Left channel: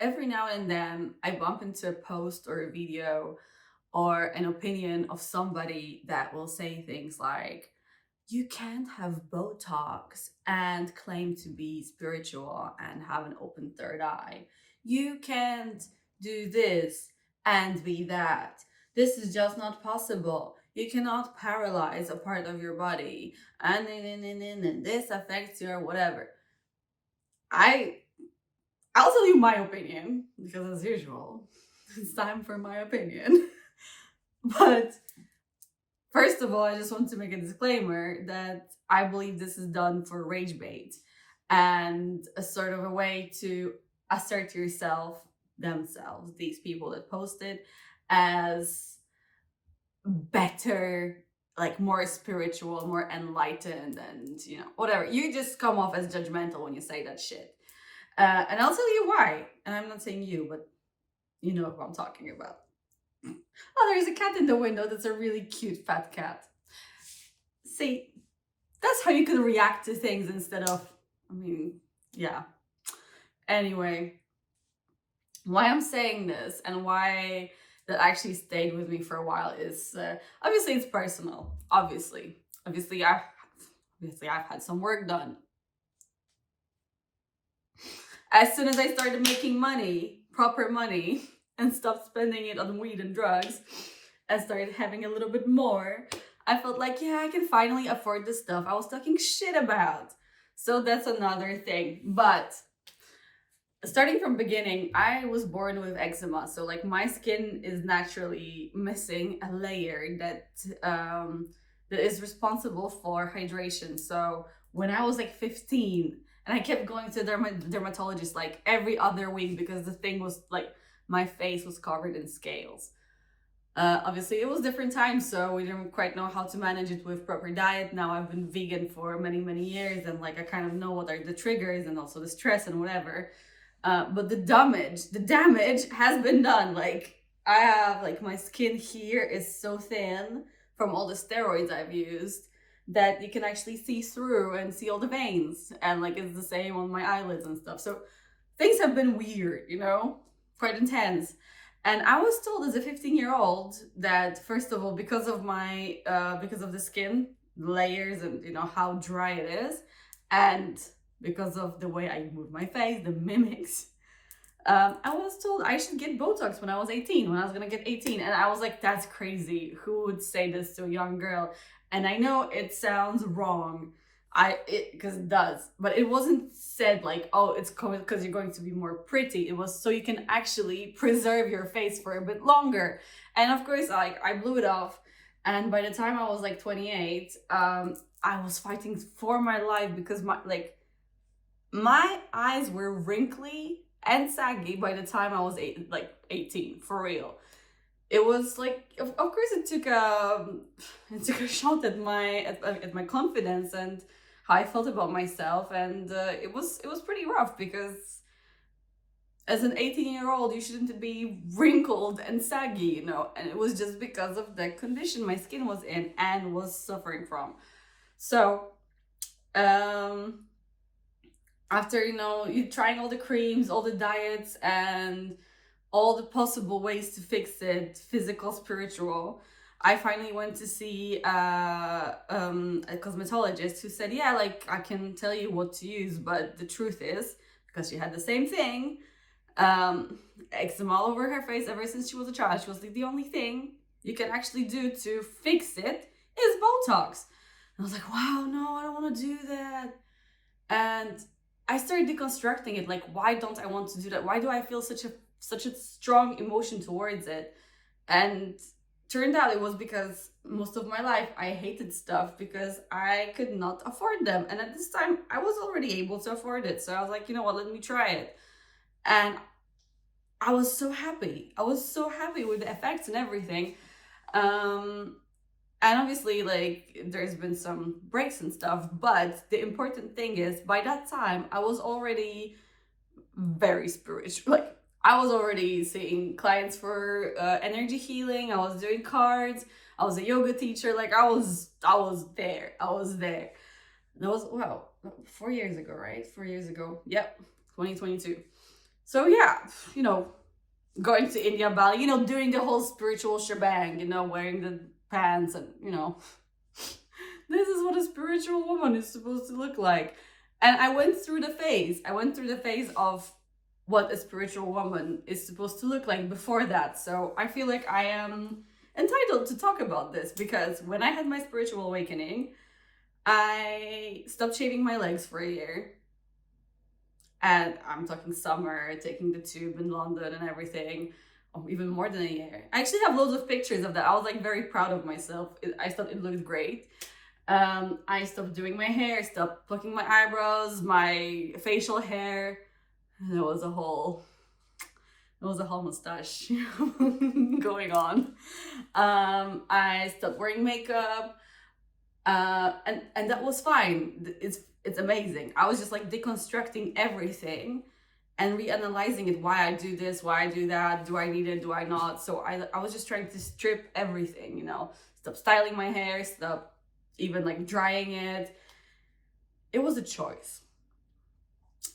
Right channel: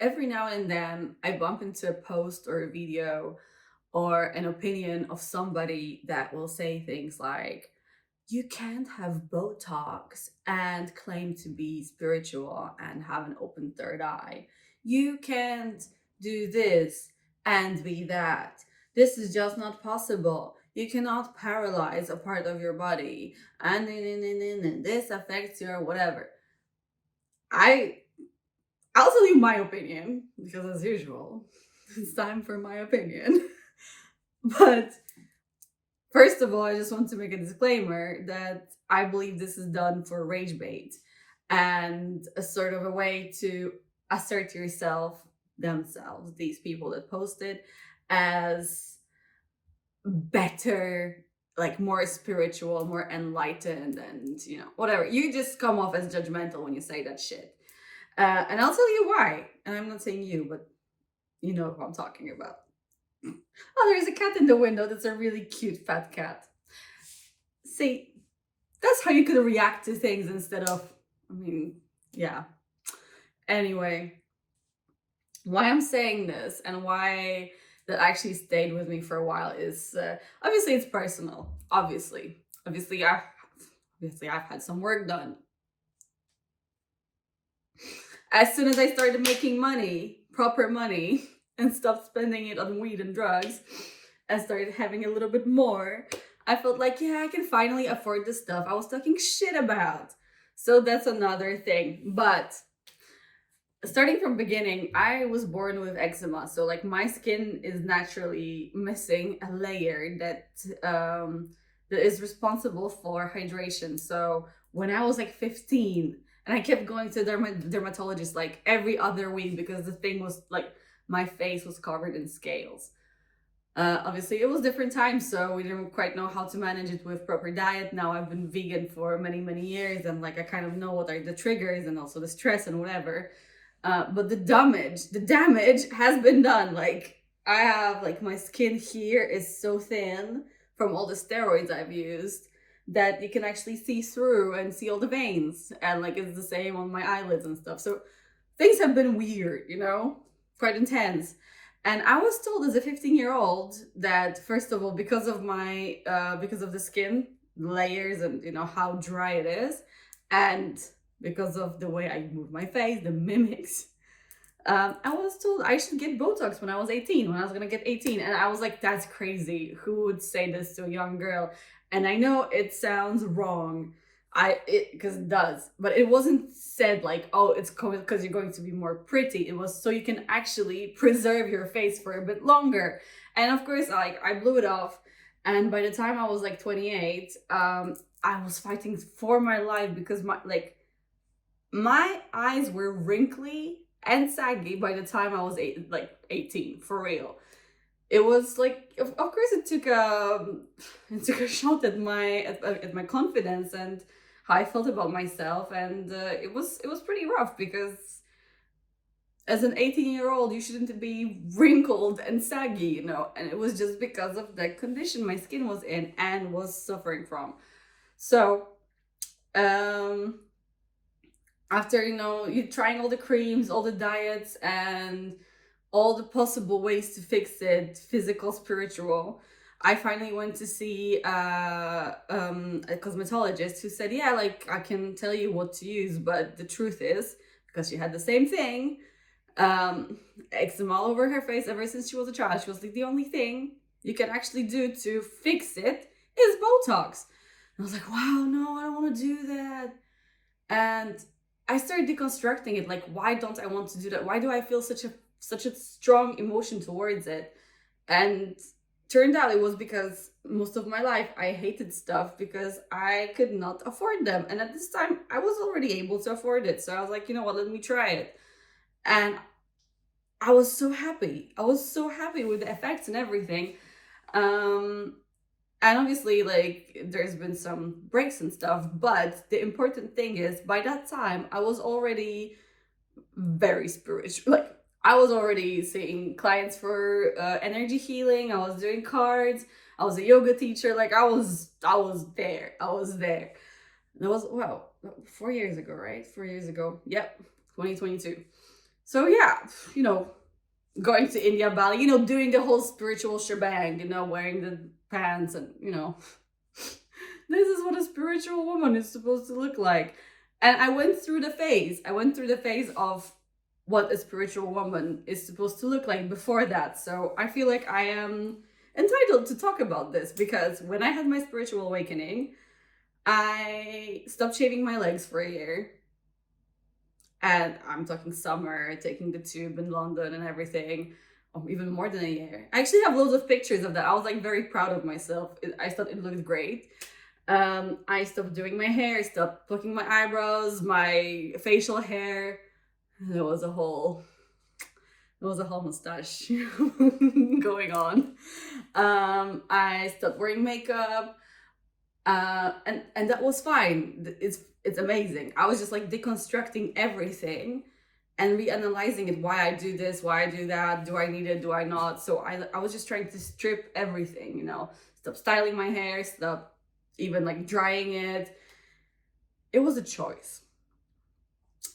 every now and then I bump into a post or a video or an opinion of somebody that will say things like, you can't have Botox and claim to be spiritual and have an open third eye. You can't do this and be that. This is just not possible. You cannot paralyze a part of your body and this affects your whatever. I I'll tell you my opinion because as usual, it's time for my opinion. But first of all, I just want to make a disclaimer that I believe this is done for rage bait and a sort of a way to assert yourself, themselves, these people that posted, as better, like more spiritual, more enlightened, and whatever. You just come off as judgmental when you say that shit. And I'll tell you why. And I'm not saying you, but you know who I'm talking about. Oh, there's a cat in the window. That's a really cute fat cat. See, that's how you could react to things instead of, yeah. Anyway, why I'm saying this and why that actually stayed with me for a while is obviously it's personal. Obviously, I've had some work done. As soon as I started making money, proper money, and stopped spending it on weed and drugs, and started having a little bit more, I felt like, yeah, I can finally afford the stuff I was talking shit about. So that's another thing. But starting from beginning, I was born with eczema. So like my skin is naturally missing a layer that is responsible for hydration. So when I was like 15, and I kept going to dermatologist like every other week because the thing was like my face was covered in scales. Obviously, it was different times, so we didn't quite know how to manage it with proper diet. Now I've been vegan for many, many years, and like I kind of know what are the triggers and also the stress and whatever. But the damage has been done. Like I have like my skin here is so thin from all the steroids I've used that you can actually see through and see all the veins, and like it's the same on my eyelids and stuff. So things have been weird, quite intense. And I was told as a 15-year-old that first of all, because of the skin layers and how dry it is, and because of the way I move my face, the mimics, I was told I should get Botox when I was 18, when I was gonna get 18. And I was like, that's crazy. Who would say this to a young girl? And I know it sounds wrong. Because it does, but it wasn't said like, oh, it's because you're going to be more pretty. It was so you can actually preserve your face for a bit longer. And of course, like I blew it off. And by the time I was like 28, I was fighting for my life because my eyes were wrinkly and saggy by the time I was 18, for real. It was like, of course, it took a shot at my confidence and how I felt about myself, and it was pretty rough because as an 18-year-old, you shouldn't be wrinkled and saggy, and it was just because of the condition my skin was in and was suffering from. So, um, after you trying all the creams, all the diets, and all the possible ways to fix it, physical, spiritual, I finally went to see a cosmetologist who said, yeah, like I can tell you what to use, but the truth is, because she had the same thing, eczema all over her face ever since she was a child. She was like, the only thing you can actually do to fix it is Botox. And I was like, wow, no, I don't want to do that. And I started deconstructing it. Like, why don't I want to do that? Why do I feel such a strong emotion towards it? And turned out it was because most of my life I hated stuff because I could not afford them. And at this time, I was already able to afford it. So I was like, you know what, let me try it. And I was so happy. I was so happy with the effects and everything. Um, and obviously, like, there's been some breaks and stuff. But the important thing is, by that time, I was already very spiritual. Like, I was already seeing clients for energy healing. I was doing cards. I was a yoga teacher. Like I was there. I was there. That was 4 years ago, right? 4 years ago. Yep, 2022. So yeah, you know, going to India, Bali, you know, doing the whole spiritual shebang, you know, wearing the pants and, you know, this is what a spiritual woman is supposed to look like. And I went through the phase. I went through the phase of what a spiritual woman is supposed to look like before that. So I feel like I am entitled to talk about this because when I had my spiritual awakening, I stopped shaving my legs for a year. And I'm talking summer, taking the tube in London and everything. Oh, even more than a year. I actually have loads of pictures of that. I was like very proud of myself. I thought it looked great. I stopped doing my hair, stopped plucking my eyebrows, my facial hair. There was a whole mustache going on. I stopped wearing makeup, and that was fine. It's amazing. I was just like deconstructing everything and reanalyzing it. Why I do this, why I do that, do I need it, do I not? So I was just trying to strip everything, you know, stop styling my hair, stop even like drying it. It was a choice.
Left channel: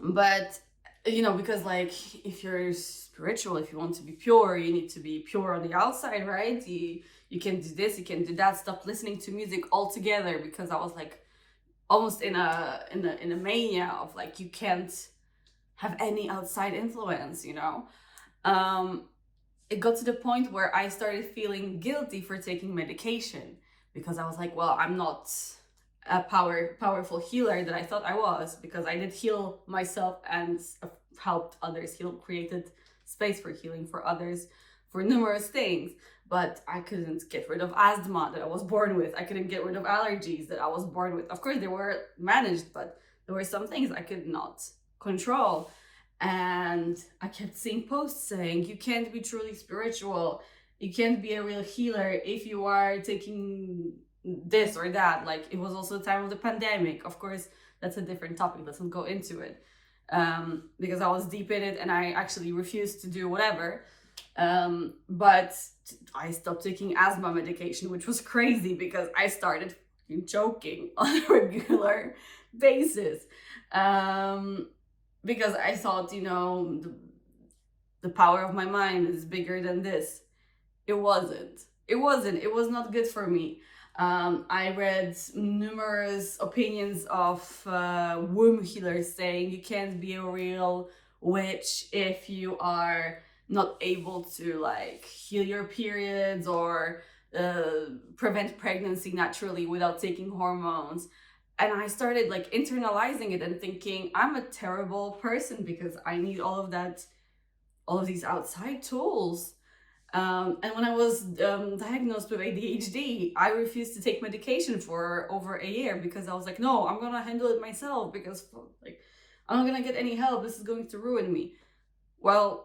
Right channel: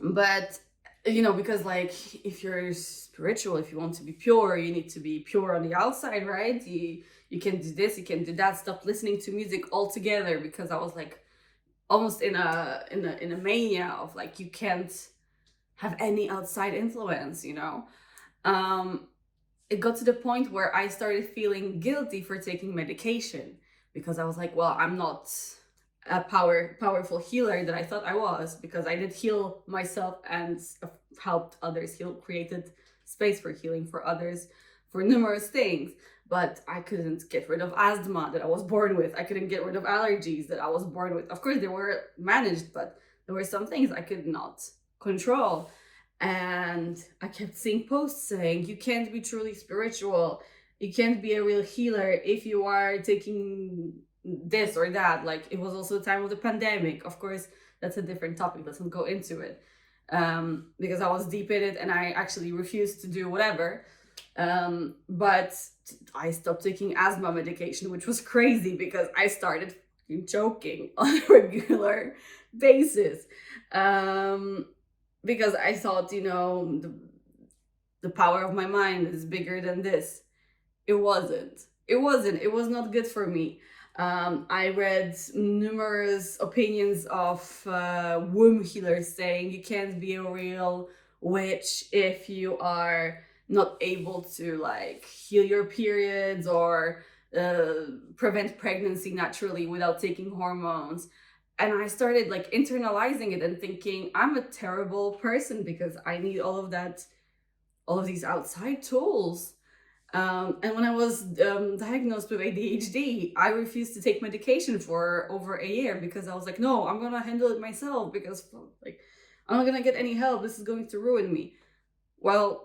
But you know, because like if you're spiritual, if you want to be pure, you need to be pure on the outside, right? You can do this, you can do that. Stop listening to music altogether, because I was like almost in a mania of like you can't have any outside influence, you know. It got to the point where I started feeling guilty for taking medication, because I was like, well, I'm not a powerful healer that I thought I was, because I did heal myself and helped others heal, created space for healing for others for numerous things. But I couldn't get rid of asthma that I was born with. I couldn't get rid of allergies that I was born with. Of course, they were managed, but there were some things I could not control. And I kept seeing posts saying, you can't be truly spiritual, you can't be a real healer if you are taking this or that. Like, it was also the time of the pandemic. Of course, that's a different topic. Let's not go into it, because I was deep in it and I actually refused to do whatever. But I stopped taking asthma medication, which was crazy because I started choking on a regular basis. Because I thought, you know, the power of my mind is bigger than this. It wasn't. It was not good for me. I read numerous opinions of womb healers saying you can't be a real witch if you are not able to like heal your periods or prevent pregnancy naturally without taking hormones. And I started like internalizing it and thinking, I'm a terrible person because I need all of that, all of these outside tools. And when I was diagnosed with ADHD, I refused to take medication for over a year because I was like, no, I'm gonna handle it myself, because like I'm not gonna get any help. This is going to ruin me. Well,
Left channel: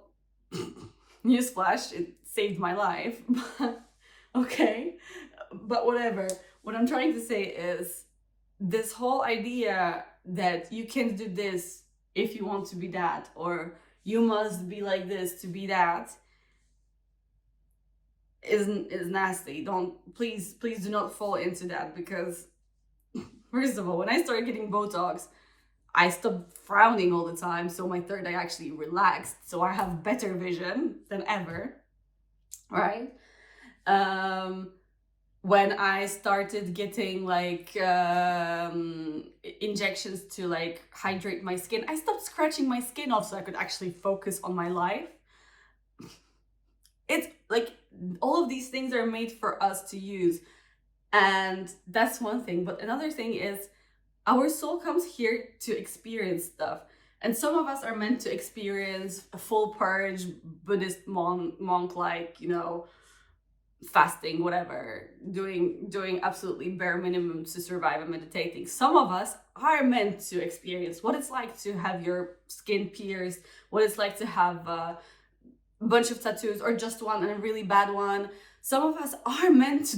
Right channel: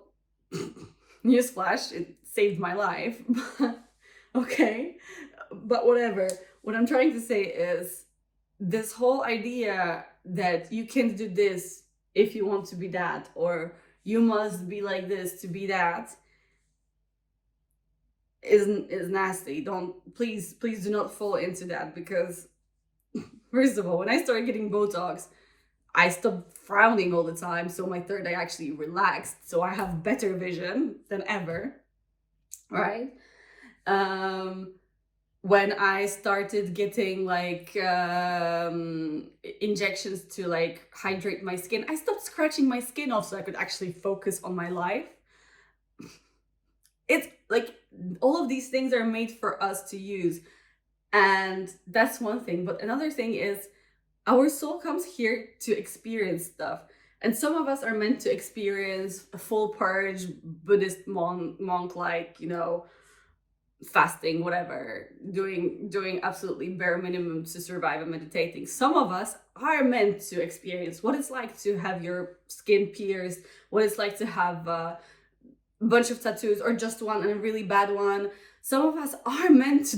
newsflash, it saved my life. Okay, but whatever. What I'm trying to say is, this whole idea that you can't do this if you want to be that, or you must be like this to be that, is nasty. Don't, please do not fall into that, because first of all, when I started getting Botox, I stopped frowning all the time, so my third eye actually relaxed, so I have better vision than ever, right? When I started getting like injections to like hydrate my skin, I stopped scratching my skin off so I could actually focus on my life. It's like all of these things are made for us to use, and that's one thing. But another thing is, our soul comes here to experience stuff, and some of us are meant to experience a full purge, Buddhist monk like, you know, fasting, whatever, doing absolutely bare minimum to survive and meditating. Some of us are meant to experience what it's like to have your skin pierced, what it's like to have bunch of tattoos or just one and a really bad one. Some of us are meant to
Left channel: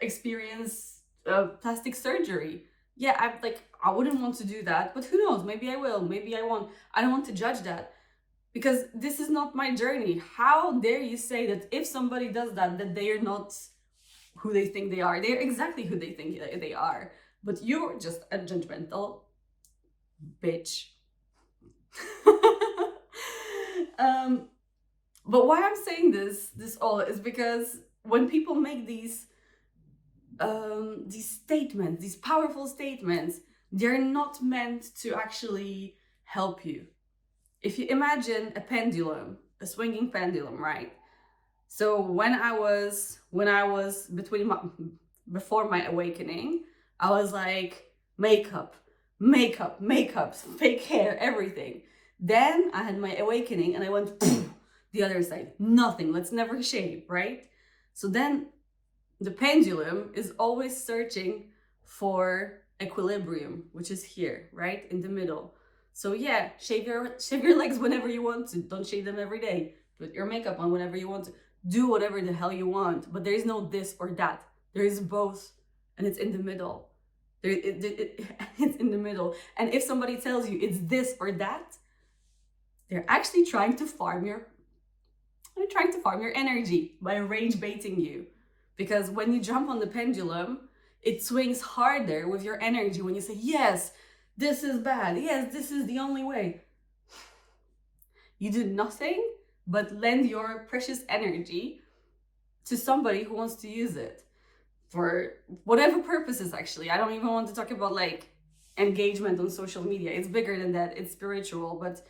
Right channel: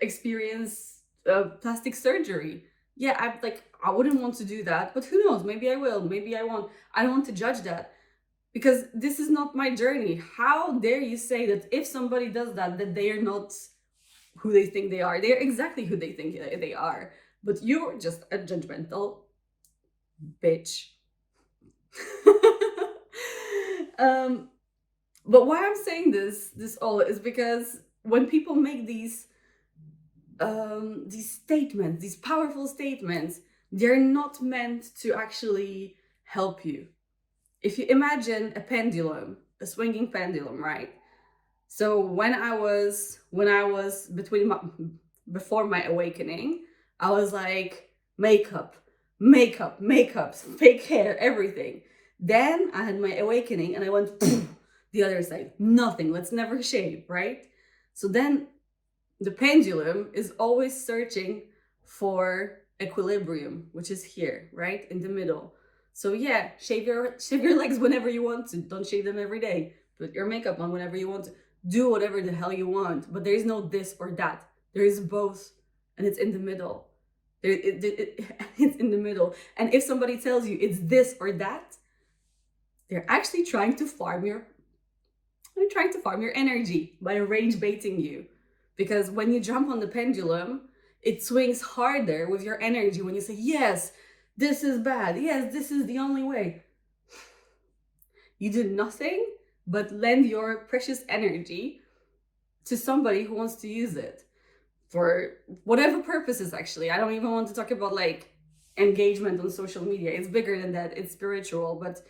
experience plastic surgery. Yeah, I wouldn't want to do that, but who knows? Maybe I will, maybe I won't. I don't want to judge that, because this is not my journey. How dare you say that if somebody does that, that they are not who they think they are? They are exactly who they think they are, but you're just a judgmental bitch. um, but why I'm saying this all is because when people make these statements, these powerful statements, they're not meant to actually help you. If you imagine a pendulum, a swinging pendulum, right? So when I was before my awakening, I was like makeup, makeup, makeup, fake hair, everything. Then I had my awakening and I went the other side. Nothing. Let's never shave, right? So then the pendulum is always searching for equilibrium, which is here, right? In the middle. So yeah, shave your legs whenever you want to. Don't shave them every day. Put your makeup on whenever you want to. Do whatever the hell you want. But there is no this or that. There is both, and it's in the middle. It's in the middle. And if somebody tells you it's this or that, they're actually trying to farm your energy by range baiting you. Because when you jump on the pendulum, it swings harder with your energy when you say, yes, this is bad. Yes, this is the only way. You did nothing but lend your precious energy to somebody who wants to use it for whatever purposes, actually. I don't even want to talk about like engagement on social media. It's bigger than that. It's spiritual. But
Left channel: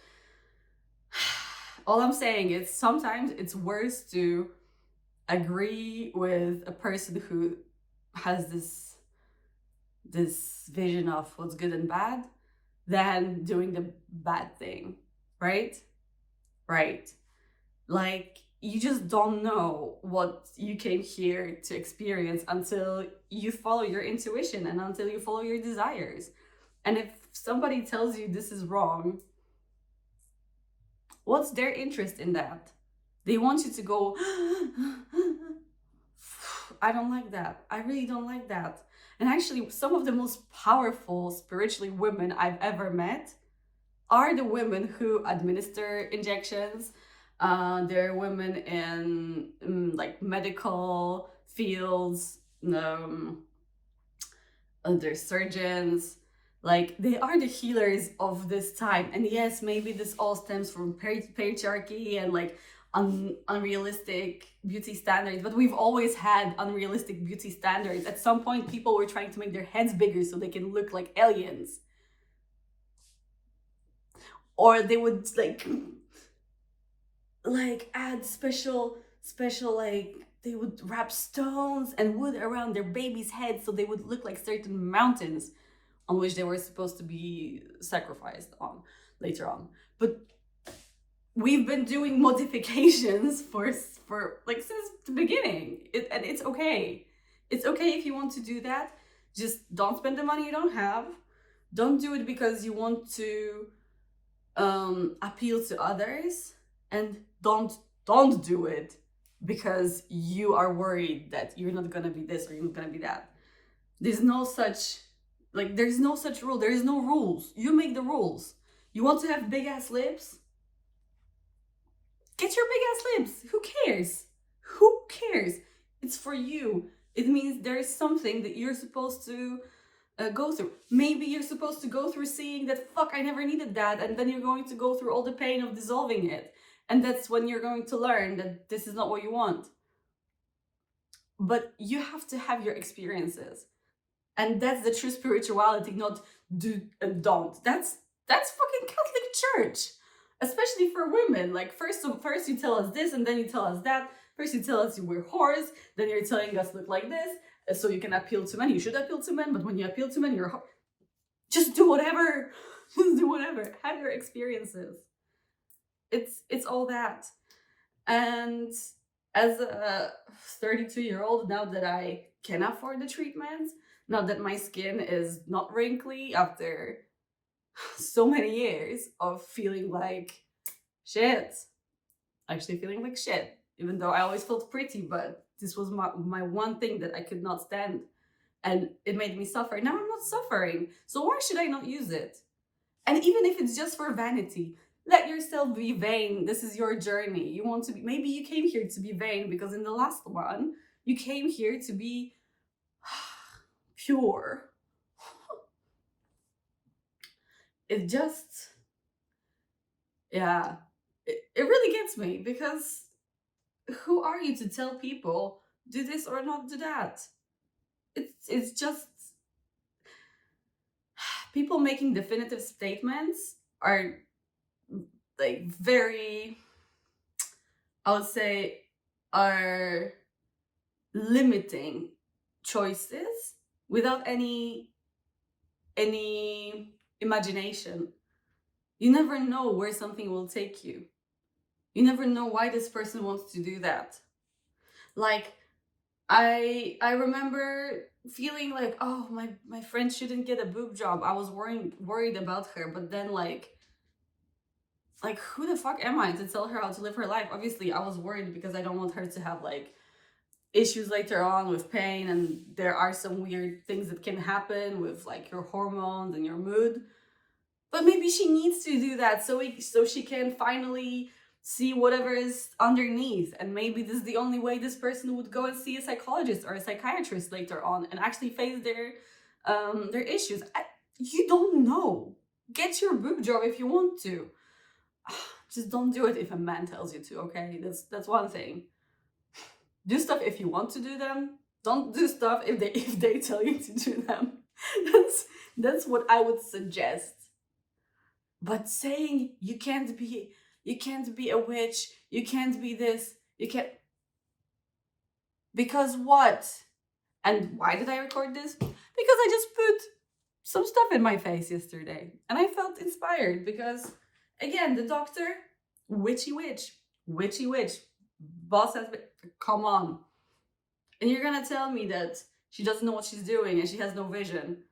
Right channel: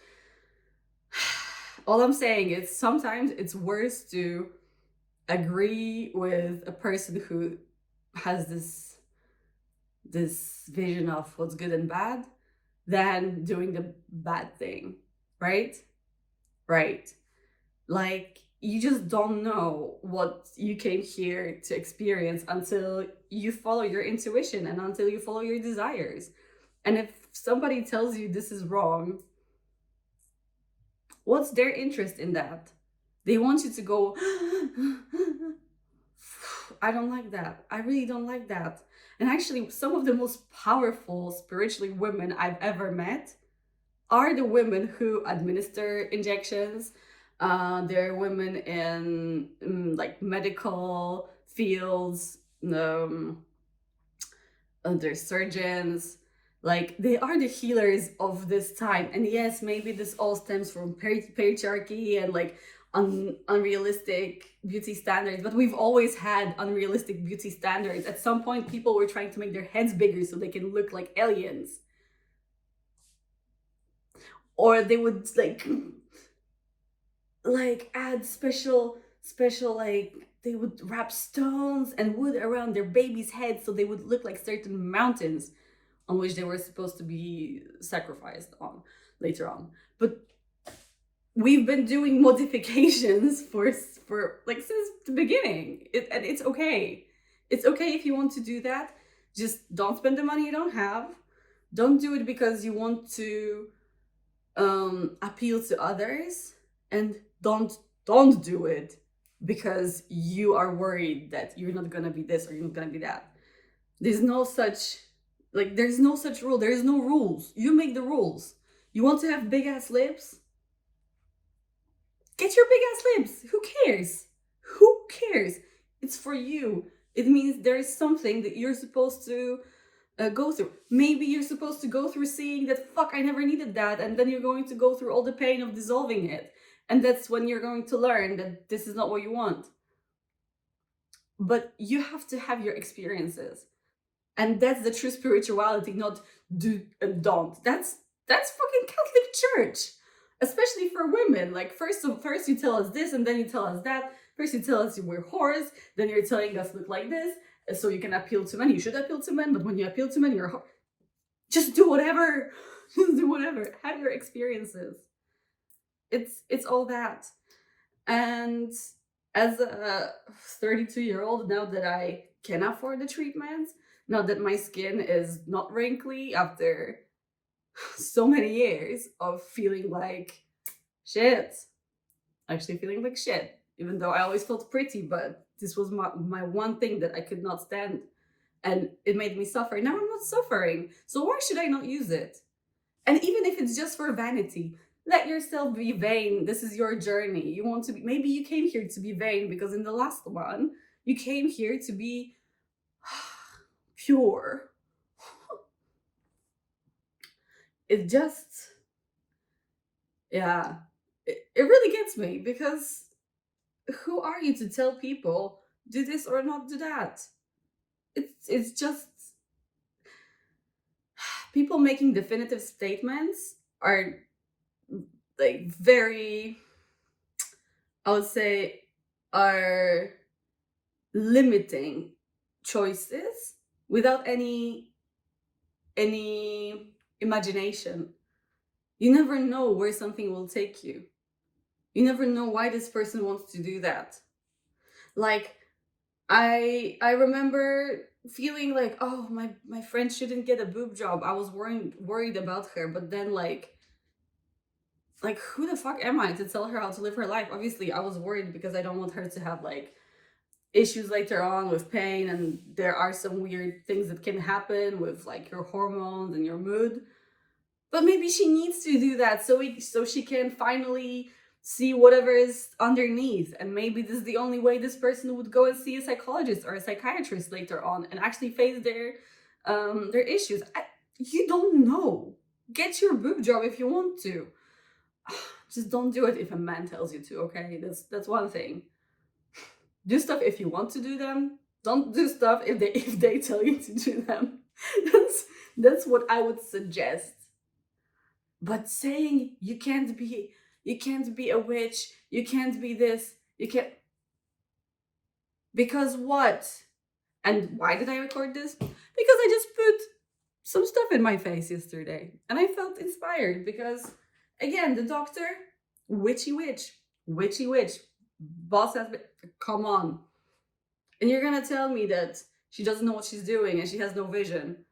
all I'm saying is sometimes it's worse to agree with a person who has this vision of what's good and bad than doing the bad thing, right? Right. Like, you just don't know what you came here to experience until you follow your intuition and until you follow your desires. And if somebody tells you this is wrong, what's their interest in that? They want you to go, I don't like that. I really don't like that. And actually, some of the most powerful spiritually women I've ever met are the women who administer injections. They're women in like medical fields. They're surgeons. Like, they are the healers of this time. And yes, maybe this all stems from patriarchy and like unrealistic beauty standards, but we've always had unrealistic beauty standards. At some point, people were trying to make their heads bigger so they can look like aliens, or they would like add special like they would wrap stones and wood around their baby's head so they would look like certain mountains on which they were supposed to be sacrificed on later on. But we've been doing modifications for like since the beginning. And it's okay. It's okay if you want to do that. Just don't spend the money you don't have. Don't do it because you want to appeal to others, and don't do it because you are worried that you're not gonna be this or you're not gonna be that. There's no such rule. There is no rules. You make the rules. You want to have big ass lips? Get your big ass lips. Who cares? Who cares? It's for you. It means there is something that you're supposed to go through. Maybe you're supposed to go through seeing that, fuck, I never needed that, and then you're going to go through all the pain of dissolving it, and that's when you're going to learn that this is not what you want. But you have to have your experiences, and that's the true spirituality, not do and don't. That's fucking Catholic Church, especially for women. Like, first you tell us this, and then you tell us that. First you tell us we're whores, then you're telling us look like this, so you can appeal to men. You should appeal to men, but when you appeal to men, you're just do whatever. Just do whatever. Have your experiences. It's all that. And as a 32-year-old, now that I can afford the treatments, now that my skin is not wrinkly after so many years of feeling like shit, actually feeling like shit, even though I always felt pretty, but this was my one thing that I could not stand, and it made me suffer. Now I'm not suffering, so why should I not use it? And even if it's just for vanity, let yourself be vain. This is your journey. You want to be, maybe you came here to be vain because in the last one, you came here to be pure. It just, yeah, it really gets me, because who are you to tell people do this or not do that? It's just people making definitive statements are like very, I would say, are limiting choices without any imagination. You never know where something will take you. You never know why this person wants to do that. Like, I remember feeling like, oh, my friend shouldn't get a boob job. I was worried about her, but then like who the fuck am I to tell her how to live her life? Obviously, I was worried because I don't want her to have like issues later on with pain, and there are some weird things that can happen with like your hormones and your mood. But maybe she needs to do that so she can finally see whatever is underneath, and maybe this is the only way this person would go and see a psychologist or a psychiatrist later on and actually face their issues. You don't know. Get your boob job if you want to. Just don't do it if a man tells you to, okay? That's one thing. Do stuff if you want to do them. Don't do stuff if they tell you to do them. That's what I would suggest. But saying you can't be a witch, you can't be this, you can't, because what? And why did I record this? Because I just put some stuff in my face yesterday and I felt inspired, because again, the doctor, witchy witch, boss has been, come on. And you're gonna tell me that she doesn't know what she's doing and she has no vision.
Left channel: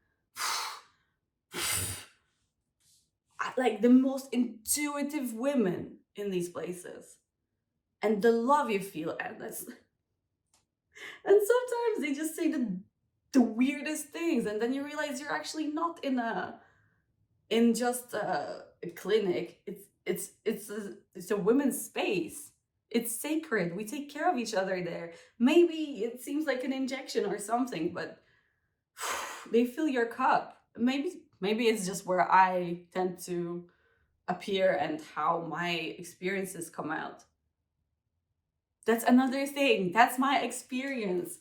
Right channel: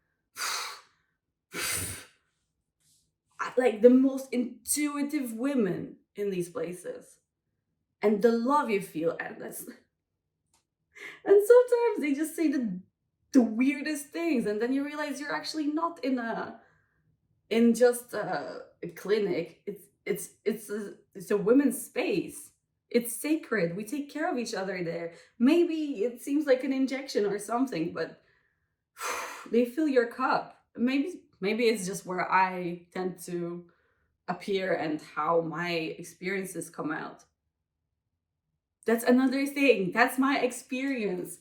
Like the most intuitive women in these places, and the love you feel, and sometimes they just say the weirdest things, and then you realize you're actually not in just a clinic. It's a women's space. It's sacred. We take care of each other there. Maybe it seems like an injection or something, but they fill your cup. Maybe it's just where I tend to appear and how my experiences come out. That's another thing. That's my experience.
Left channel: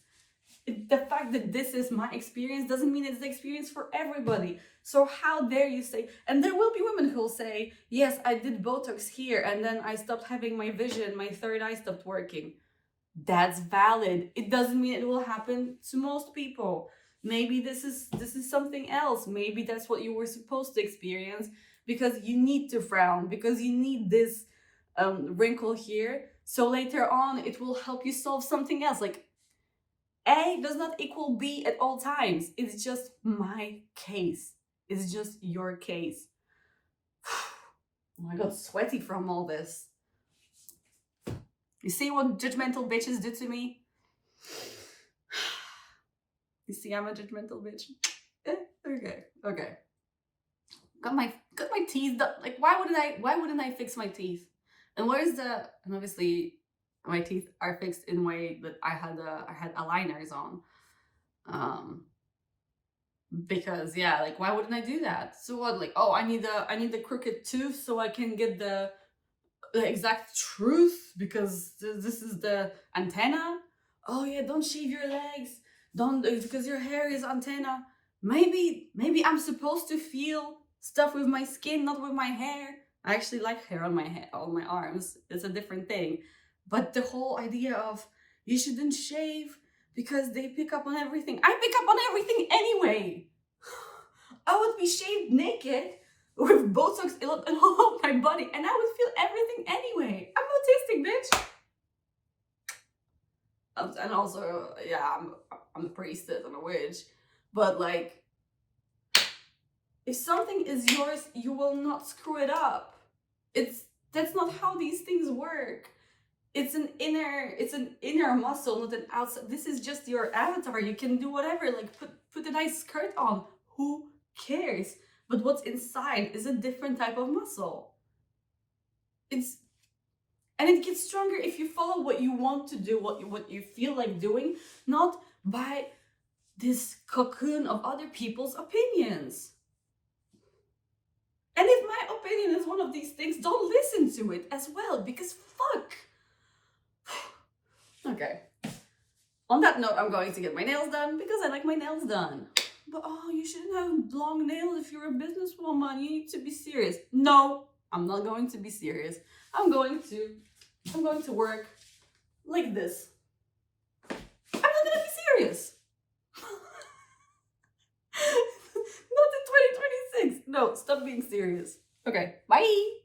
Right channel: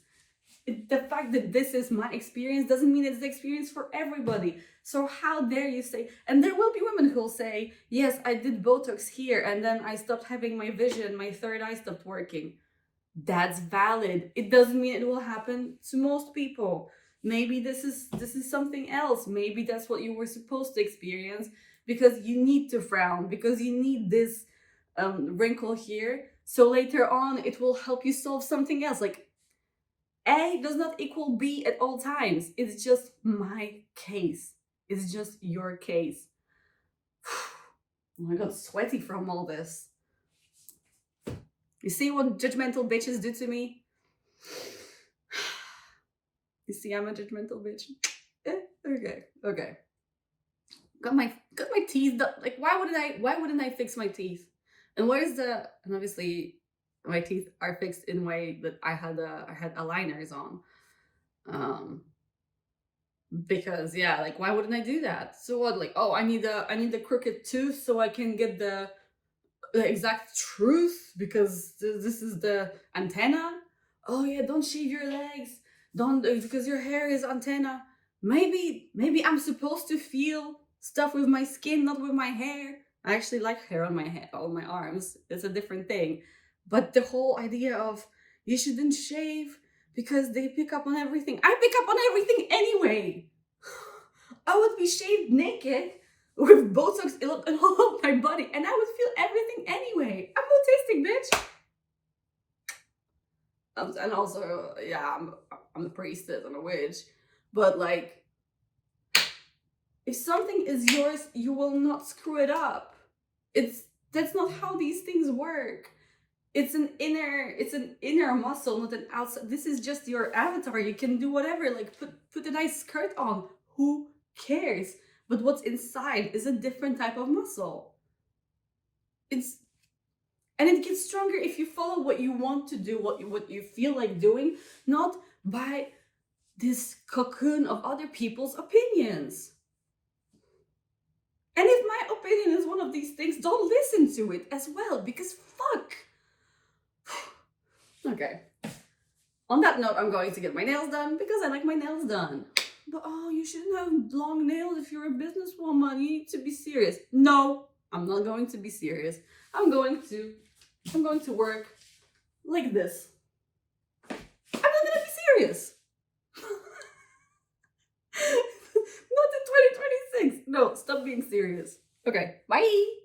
The fact that this is my experience doesn't mean it's the experience for everybody. So how dare you say, and there will be women who'll say, yes, I did Botox here and then I stopped having my vision, my third eye stopped working. That's valid. It doesn't mean it will happen to most people. Maybe this is something else. Maybe that's what you were supposed to experience because you need to frown, because you need this wrinkle here. So later on, it will help you solve something else. Like, A does not equal B at all times. It's just my case. It's just your case. Oh, I got sweaty from all this. You see what judgmental bitches do to me? You see, I'm a judgmental bitch. Okay. Got my teeth done. Like, why wouldn't I fix my teeth? And and obviously my teeth are fixed in a way that I had aligners on. Because yeah, like, why wouldn't I do that? So what? Like, oh, I need the crooked tooth so I can get the exact truth because this is the antenna. Oh yeah, don't shave your legs. Don't, because your hair is antenna. Maybe I'm supposed to feel stuff with my skin, not with my hair. I actually like hair on my arms. It's a different thing. But the whole idea of you shouldn't shave because they pick up on everything. I pick up on everything anyway. I would be shaved naked with Botox all over my body and I would feel everything anyway. I'm autistic, bitch. And also, yeah, I'm a priestess and a witch. But like, if something is yours, you will not screw it up. That's not how these things work. It's an inner muscle, not an outside. This is just your avatar. You can do whatever, like put a nice skirt on. Who cares? But what's inside is a different type of muscle. And it gets stronger if you follow what you want to do, what you feel like doing, not by this cocoon of other people's opinions. And if my opinion is one of these things, don't listen to it as well, because fuck. Okay. On that note, I'm going to get my nails done because I like my nails done. But oh, you shouldn't have long nails if you're a businesswoman. You need to be serious. No, I'm not going to be serious. I'm going to work like this. I'm not gonna be serious. Not in 2026. No, stop being serious. Okay, bye.